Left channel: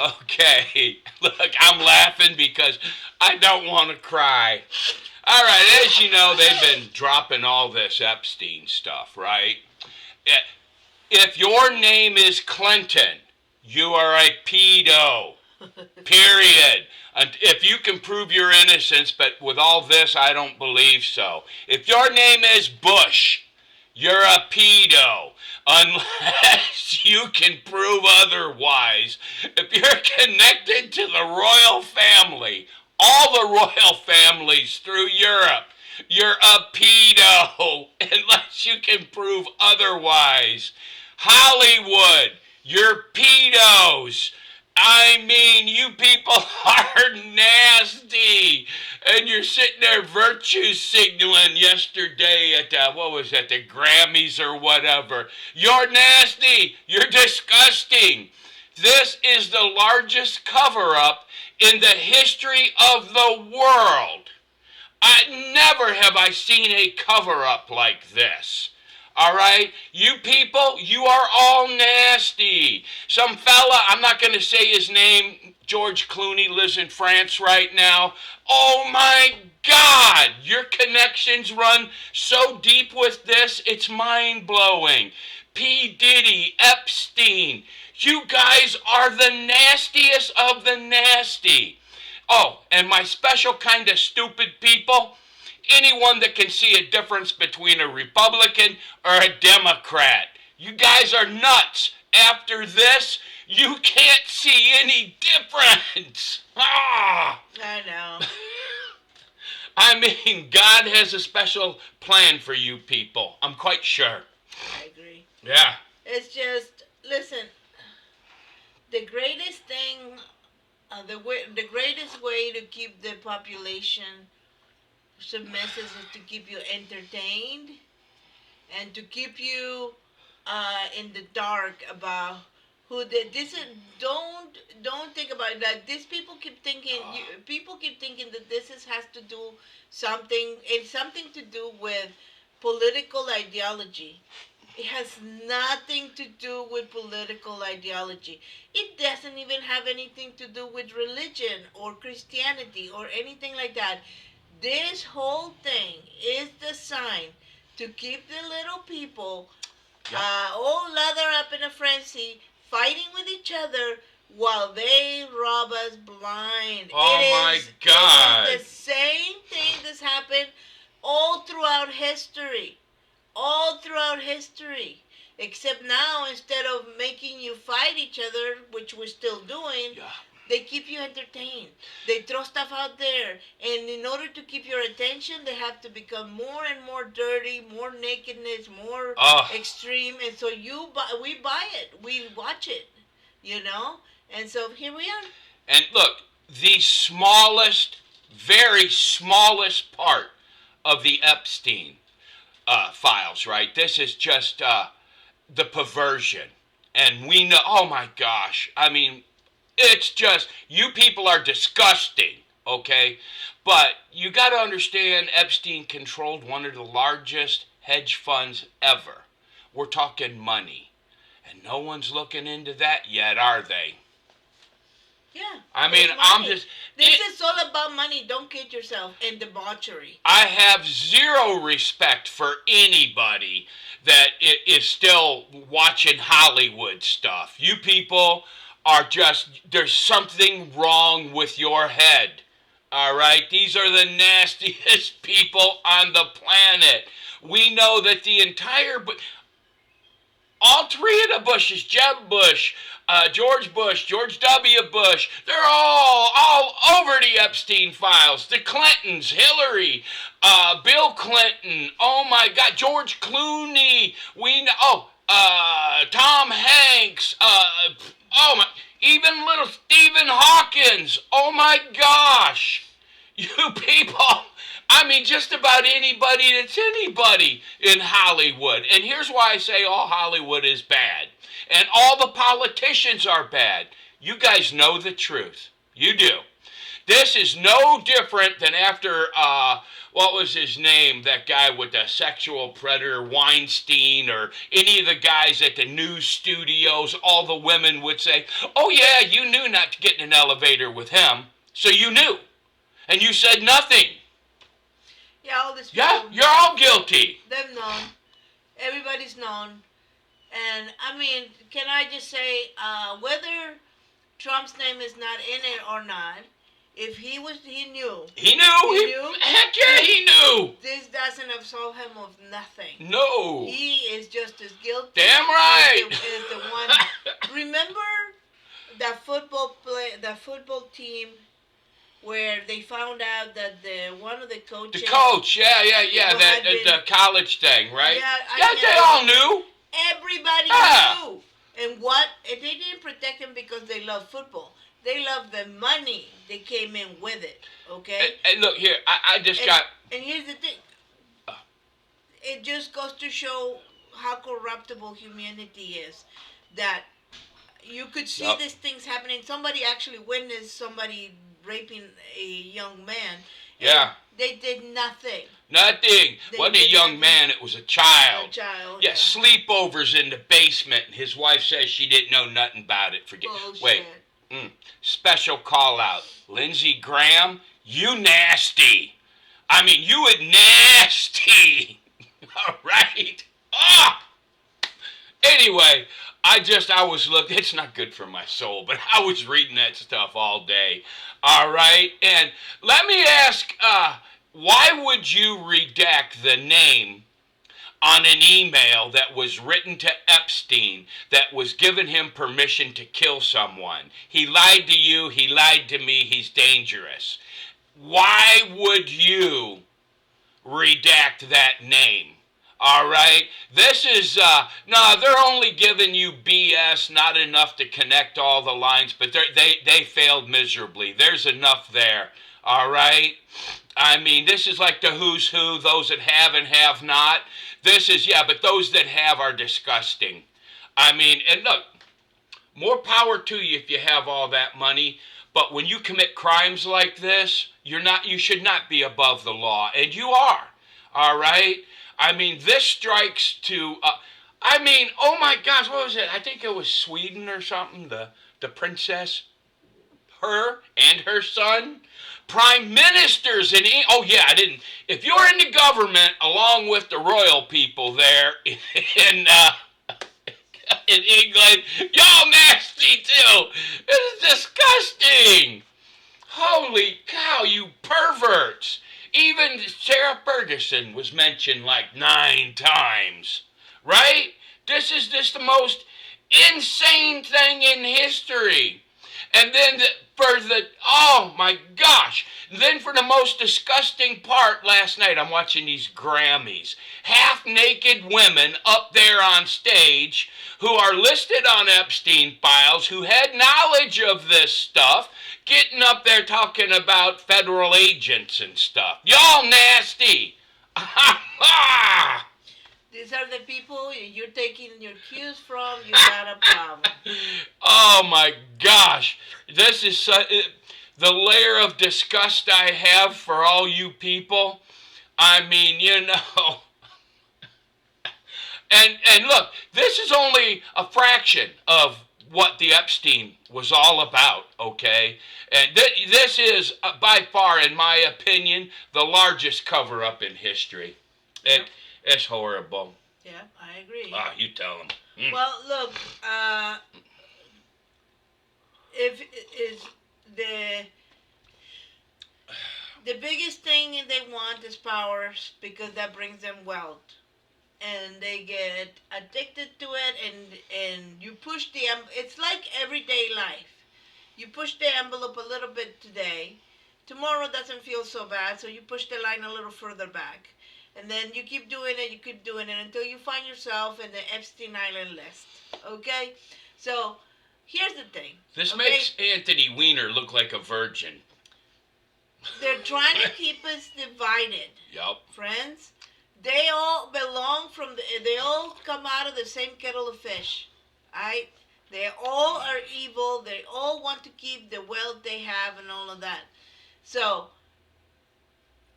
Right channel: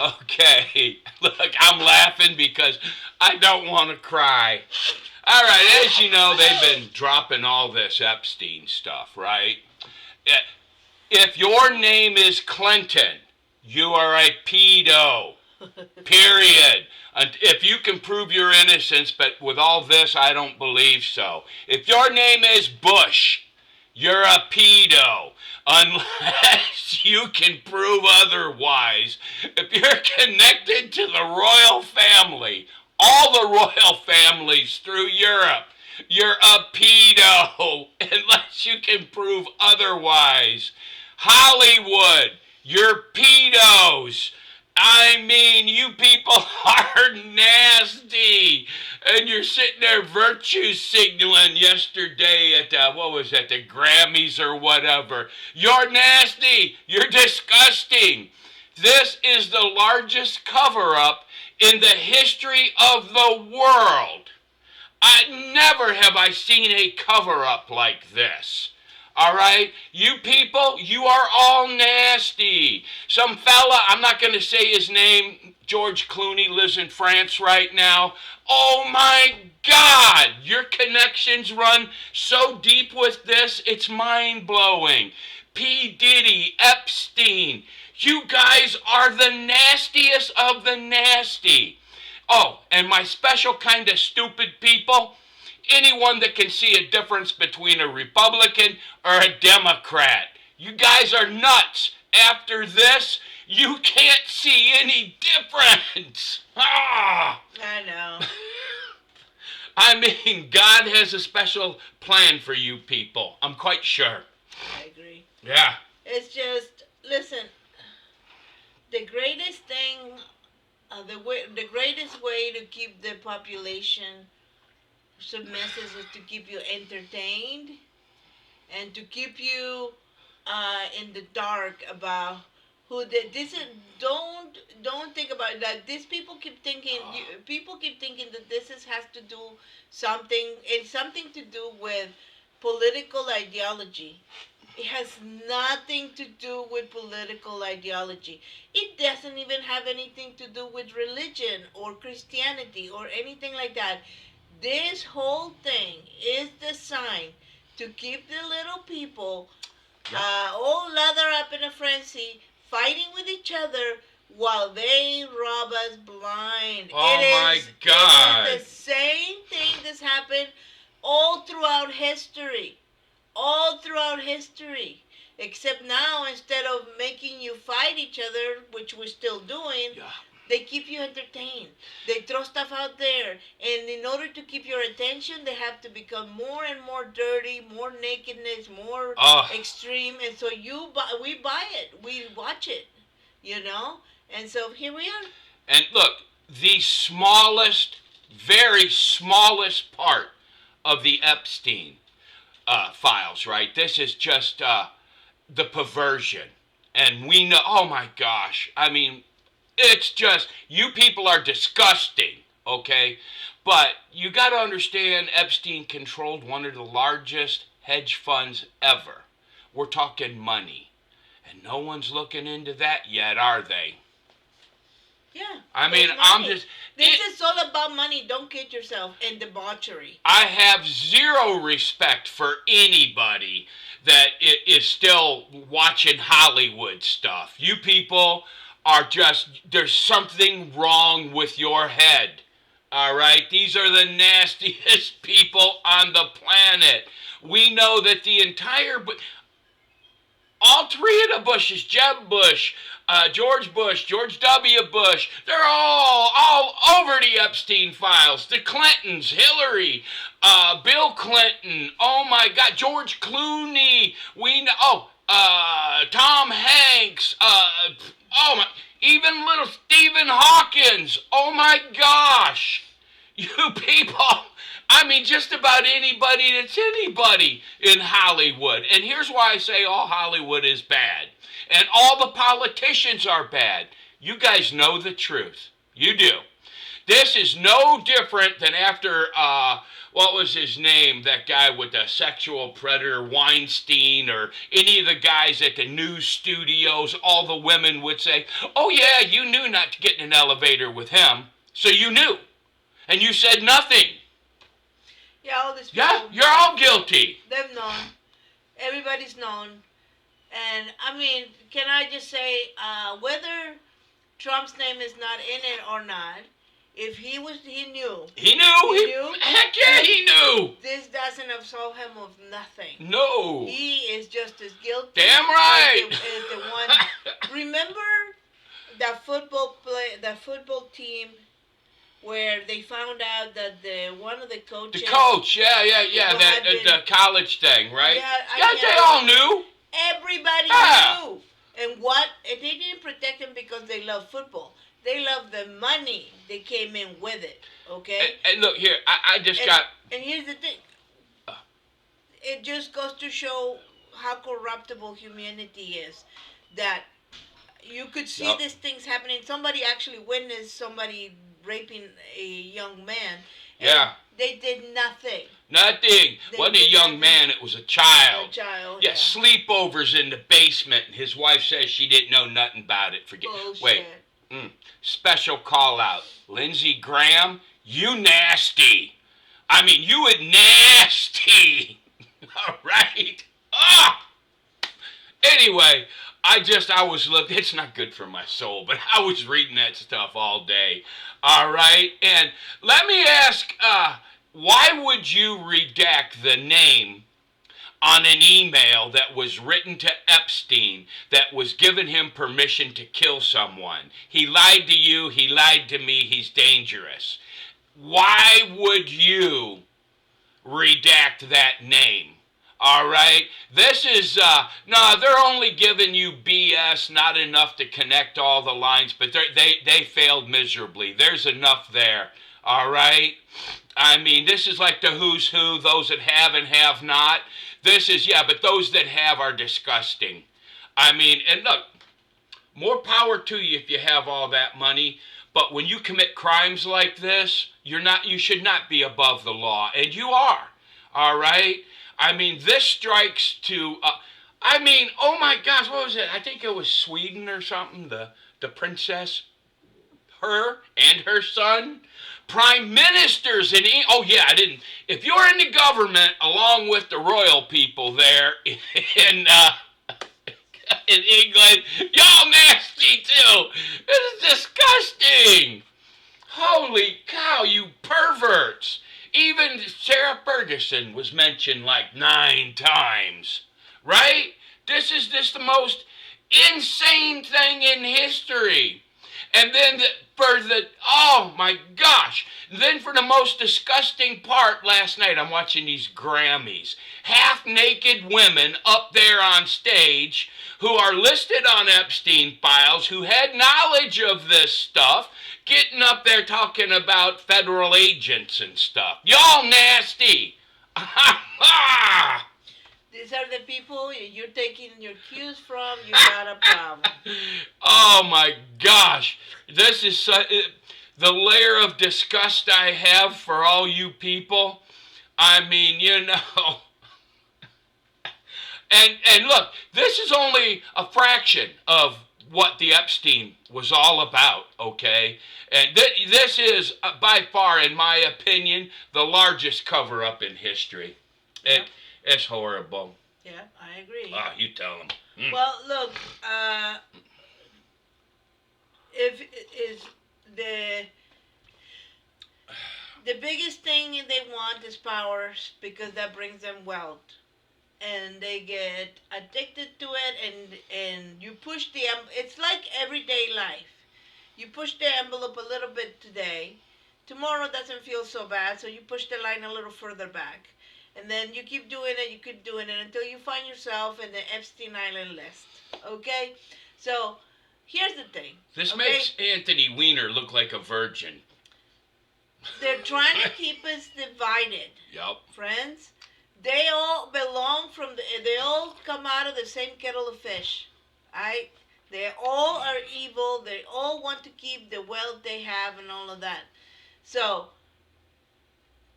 Okay, look, I'm laughing because I don't want to cry. All right, as you know, they've been dropping all this Epstein stuff, right? If your name is Clinton, you are a pedo. Period. And if you can prove your innocence, but with all this, I don't believe so. If your name is Bush, you're a pedo. Unless you can prove otherwise. If you're connected to the royal family, all the royal families through Europe, you're a pedo. Unless you can prove otherwise. Hollywood, you're pedos. I mean, you people are nasty. And you're sitting there virtue signaling yesterday at, what was that, the Grammys or whatever. You're nasty. You're disgusting. This is the largest cover-up in the history of the world. Never have I seen a cover-up like this. All right? You people, you are all nasty. Some fella, I'm not going to say his name, George Clooney, lives in France right now. Oh my God, your connections run so deep with this, it's mind-blowing. P. Diddy, Epstein, you guys are the nastiest of the nasty. Oh, and my special kind of stupid people, anyone that can see a difference between a Republican or a Democrat. You guys are nuts. After this, you can't see any difference. Ah! I know. I mean, God has a special plan for you people. I'm quite sure. I agree. Yeah. It's just, listen, the greatest thing, the greatest way to keep the population submissive is to keep you entertained and to keep you in the dark about who this is. Don't think about that. These people keep thinking. People keep thinking that has to do something. It's something to do with political ideology. It has nothing to do with political ideology. It doesn't even have anything to do with religion or Christianity or anything like that. This whole thing is designed to keep the little people all lathered up in a frenzy, fighting with each other while they rob us blind. My God. It is the same thing that's happened all throughout history. All throughout history. Except now, instead of making you fight each other, which we're still doing, they keep you entertained. They throw stuff out there. And in order to keep your attention, they have to become more and more dirty, more nakedness, more extreme. And so we buy it. We watch it, you know? And so here we are. And look, the smallest, very smallest part of the Epstein files, right? This is just the perversion. And we know, oh my gosh, I mean, it's just, you people are disgusting, okay? But you got to understand, Epstein controlled one of the largest hedge funds ever. We're talking money. And no one's looking into that yet, are they? Yeah. I mean, I'm just... This is all about money. Don't kid yourself. And debauchery. I have zero respect for anybody that is still watching Hollywood stuff. You people are just... There's something wrong with your head. All right? These are the nastiest people on the planet. We know that the entire... All three of the Bushes, Jeb Bush, George Bush, George W. Bush, they're all over the Epstein files. The Clintons, Hillary, Bill Clinton, oh my God, George Clooney, Tom Hanks, even little Stephen Hawkins, oh my gosh. You people, I mean, just about anybody that's anybody in Hollywood. And here's why I say all Hollywood is bad. And all the politicians are bad. You guys know the truth. You do. This is no different than after, what was his name? That guy with the sexual predator, Weinstein, or any of the guys at the news studios. All the women would say, oh yeah, you knew not to get in an elevator with him, so you knew. And you said nothing. Yeah, all this. Yeah, you're all guilty. They've known. Everybody's known. And, I mean, can I just say, whether Trump's name is not in it or not, if he knew. He knew. He knew. Heck yeah, he knew. This doesn't absolve him of nothing. No. He is just as guilty. Damn right. As the one. Remember that football team where they found out that one of the coaches. The coach, yeah, the college thing, right? Yeah, they all knew. Everybody knew. And they didn't protect him because they love football. They love the money they came in with it, okay? And look, here, I just got... And here's the thing. It just goes to show how corruptible humanity is. That you could see these things happening. Somebody actually witnessed somebody raping a young man. Yeah. They did nothing. Nothing. Wasn't a young man, it was a child. A child, yeah. Sleepovers in the basement, and his wife says she didn't know nothing about it. Bullshit. Wait. Special call out. Lindsey Graham, you nasty. I mean, you were nasty. All right. Anyway, I was looking. It's not good for my soul, but I was reading that stuff all day. All right. And let me ask, why would you redact the name on an email that was written to Epstein that was giving him permission to kill someone? He lied to you, he lied to me, he's dangerous. Why would you redact that name? All right? This is, no, they're only giving you BS, not enough to connect all the lines, but they failed miserably. There's enough there. All right? I mean, this is like the who's who, those that have and have not. This is, but those that have are disgusting. I mean, and look, more power to you if you have all that money, but when you commit crimes like this, you should not be above the law, and you are. All right? I mean, this strikes to, oh my gosh, what was it? I think it was Sweden or something, the princess, her and her son. Prime ministers in if you're in the government along with the royal people there in England, y'all nasty too. It's disgusting. Holy cow, you perverts. Even Sarah Ferguson was mentioned like 9 times, right? This is just the most insane thing in history. And then oh my gosh. Then for the most disgusting part last night, I'm watching these Grammys. Half-naked women up there on stage who are listed on Epstein files, who had knowledge of this stuff, getting up there talking about federal agents and stuff. Y'all nasty. These are the people you're taking your cues from. You got a problem. Oh my gosh. This is the layer of disgust I have for all you people. I mean, And look, this is only a fraction of what the Epstein was all about, okay? And this is, by far, in my opinion, the largest cover-up in history. It's horrible. Yeah, I agree. You tell them. Well, look, if is the biggest thing they want is power, because that brings them wealth, and they get addicted to it, and you push it's like everyday life. You push the envelope a little bit today, tomorrow doesn't feel so bad, so you push the line a little further back. And then you keep doing it until you find yourself in the Epstein Island list. Okay? So, here's the thing. This makes Anthony Weiner look like a virgin. They're trying to keep us divided. Yep. Friends. They all they all come out of the same kettle of fish. They all are evil. They all want to keep the wealth they have and all of that. So,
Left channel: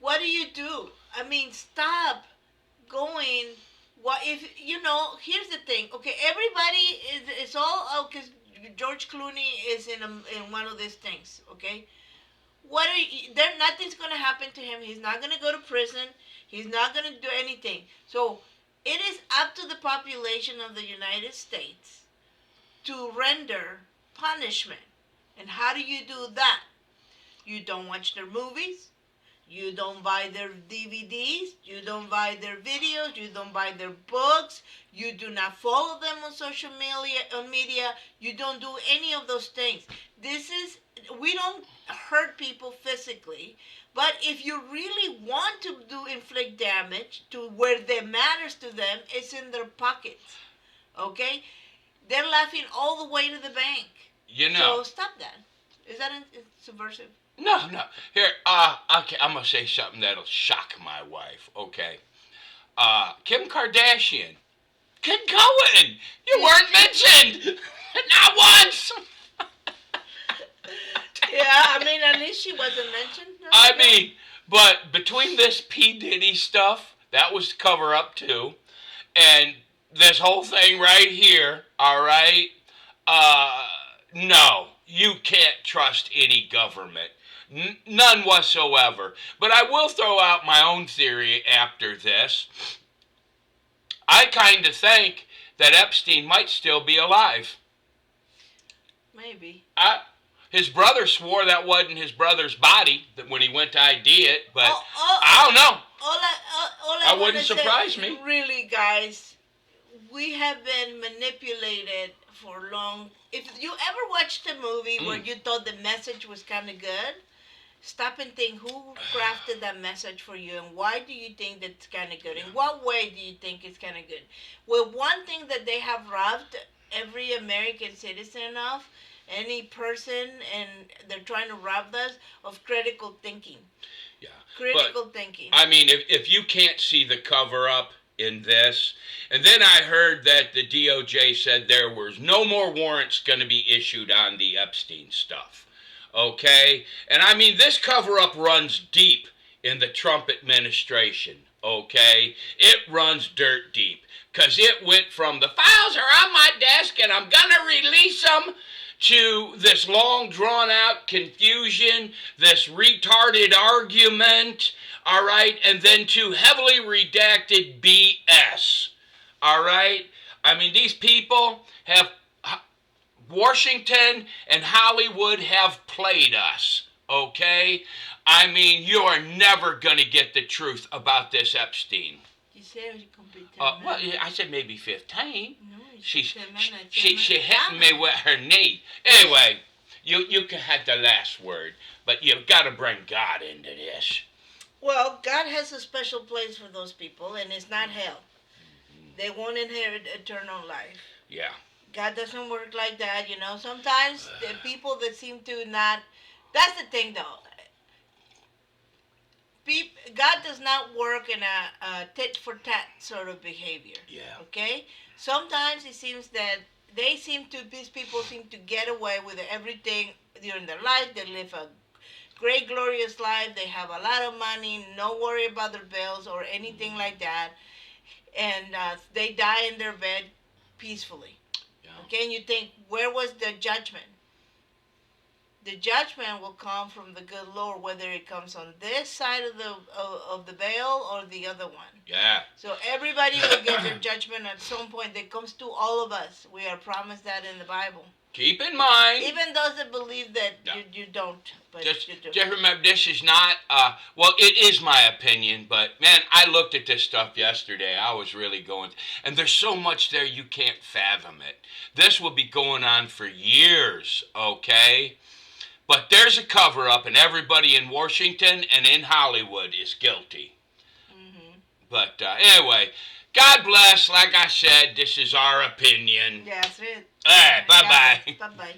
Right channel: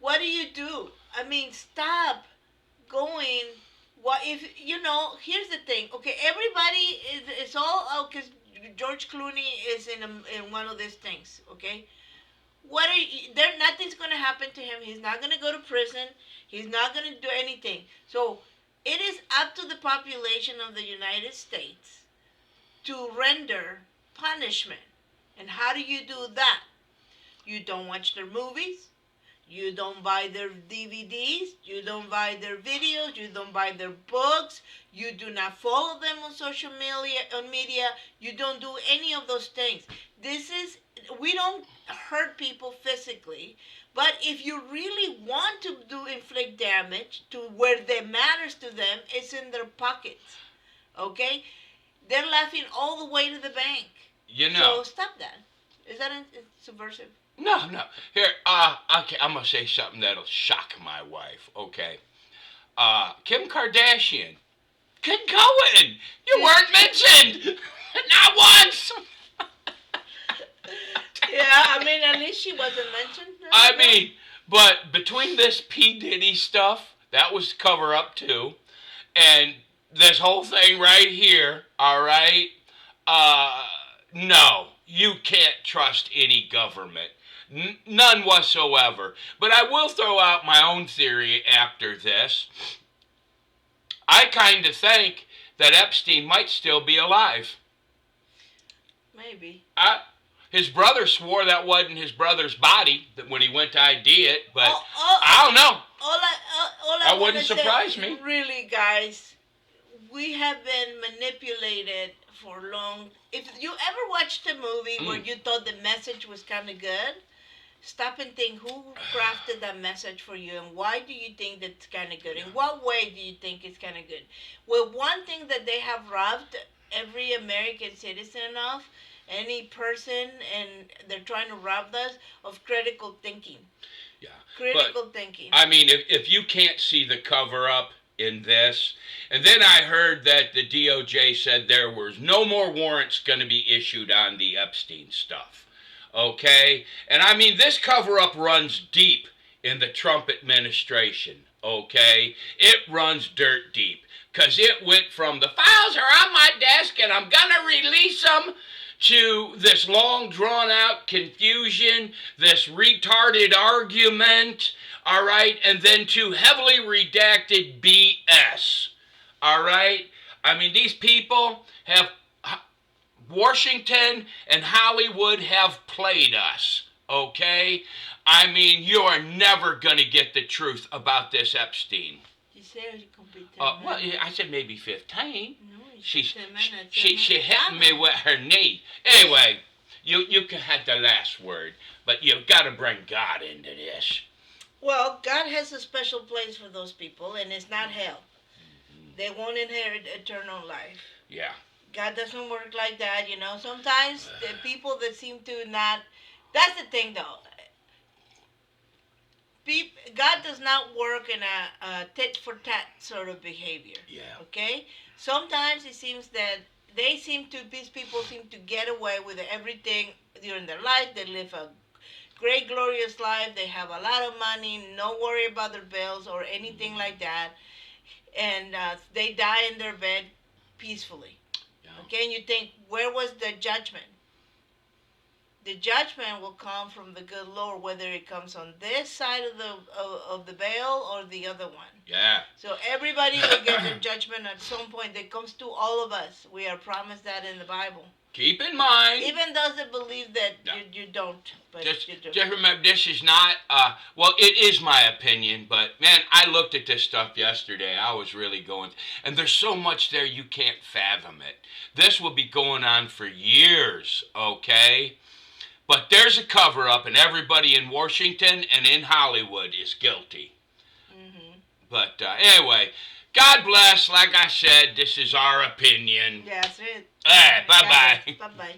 what do? I mean, stop going. What if you know? Here's the thing. Okay, everybody is. It's all because George Clooney is in one of these things. Okay, what are you, there? Nothing's gonna happen to him. He's not gonna go to prison. He's not gonna do anything. So it is up to the population of the United States to render punishment. And how do you do that? You don't watch their movies. You don't buy their DVDs. You don't buy their videos. You don't buy their books. You do not follow them on social media. You don't do any of those things. We don't hurt people physically, but if you really want to inflict damage to where that matters to them, it's in their pockets. Okay? They're laughing all the way to the bank. So stop that. Is that subversive? No. Here, okay, I'm going to say something that'll shock my wife, okay? Kim Kardashian. Good going. You weren't mentioned. Not once. Yeah, I mean, at least she wasn't mentioned. But between this P. Diddy stuff, that was cover up too, and this whole thing right here, all right? No, you can't trust any government. None whatsoever. But I will throw out my own theory after this. I kind of think that Epstein might still be alive. Maybe. His brother swore that wasn't his brother's body when he went to ID it, but I don't know. That wouldn't surprise me. Really, guys, we have been manipulated for long. If you ever watched a movie where you thought the message was kind of good, stop and think who crafted that message for you and why do you think that's kind of good? In what way do you think it's kind of good? Well, one thing that they have robbed every American citizen of, any person, and they're trying to rob us of critical thinking. Yeah. Critical thinking. I mean, if you can't see the cover up in this, and then I heard that the DOJ said there was no more warrants going to be issued on the Epstein stuff. Okay? And I mean, this cover up runs deep in the Trump administration. Okay? It runs dirt deep. Because it went from the files are on my desk and I'm going to release them to this long drawn out confusion, this retarded argument, all right, and then to heavily redacted BS, all right? I mean, these people have, Washington and Hollywood have played us, okay? I mean, you are never going to get the truth about this Epstein. You said you complete 10 well, I said maybe 15. No, She 10 minutes. hit me with her knee. Anyway, you can have the last word, but you've got to bring God into this. Well, God has a special place for those people, and it's not hell. They won't inherit eternal life. Yeah. God doesn't work like that, you know. Sometimes the people that seem to not... That's the thing, though. God does not work in a tit-for-tat sort of behavior. Yeah. Okay? Sometimes it seems that these people seem to get away with everything during their life. They live a great, glorious life. They have a lot of money, no worry about their bills or anything like that. And they die in their bed peacefully. Yeah. Okay? And you think, where was the judgment? The judgment will come from the good Lord, whether it comes on this side of the veil or the other one. Yeah. So everybody will get their judgment at some point that comes to all of us. We are promised that in the Bible. Keep in mind. Even those that believe that you don't, but you do. Just remember, this is not, well, it is my opinion, but man, I looked at this stuff yesterday. I was really going, and there's so much there you can't fathom it. This will be going on for years, okay? But there's a cover-up, and everybody in Washington and in Hollywood is guilty. Mm-hmm. But anyway, God bless. Like I said, this is our opinion. That's it. All right, bye-bye. Bye-bye.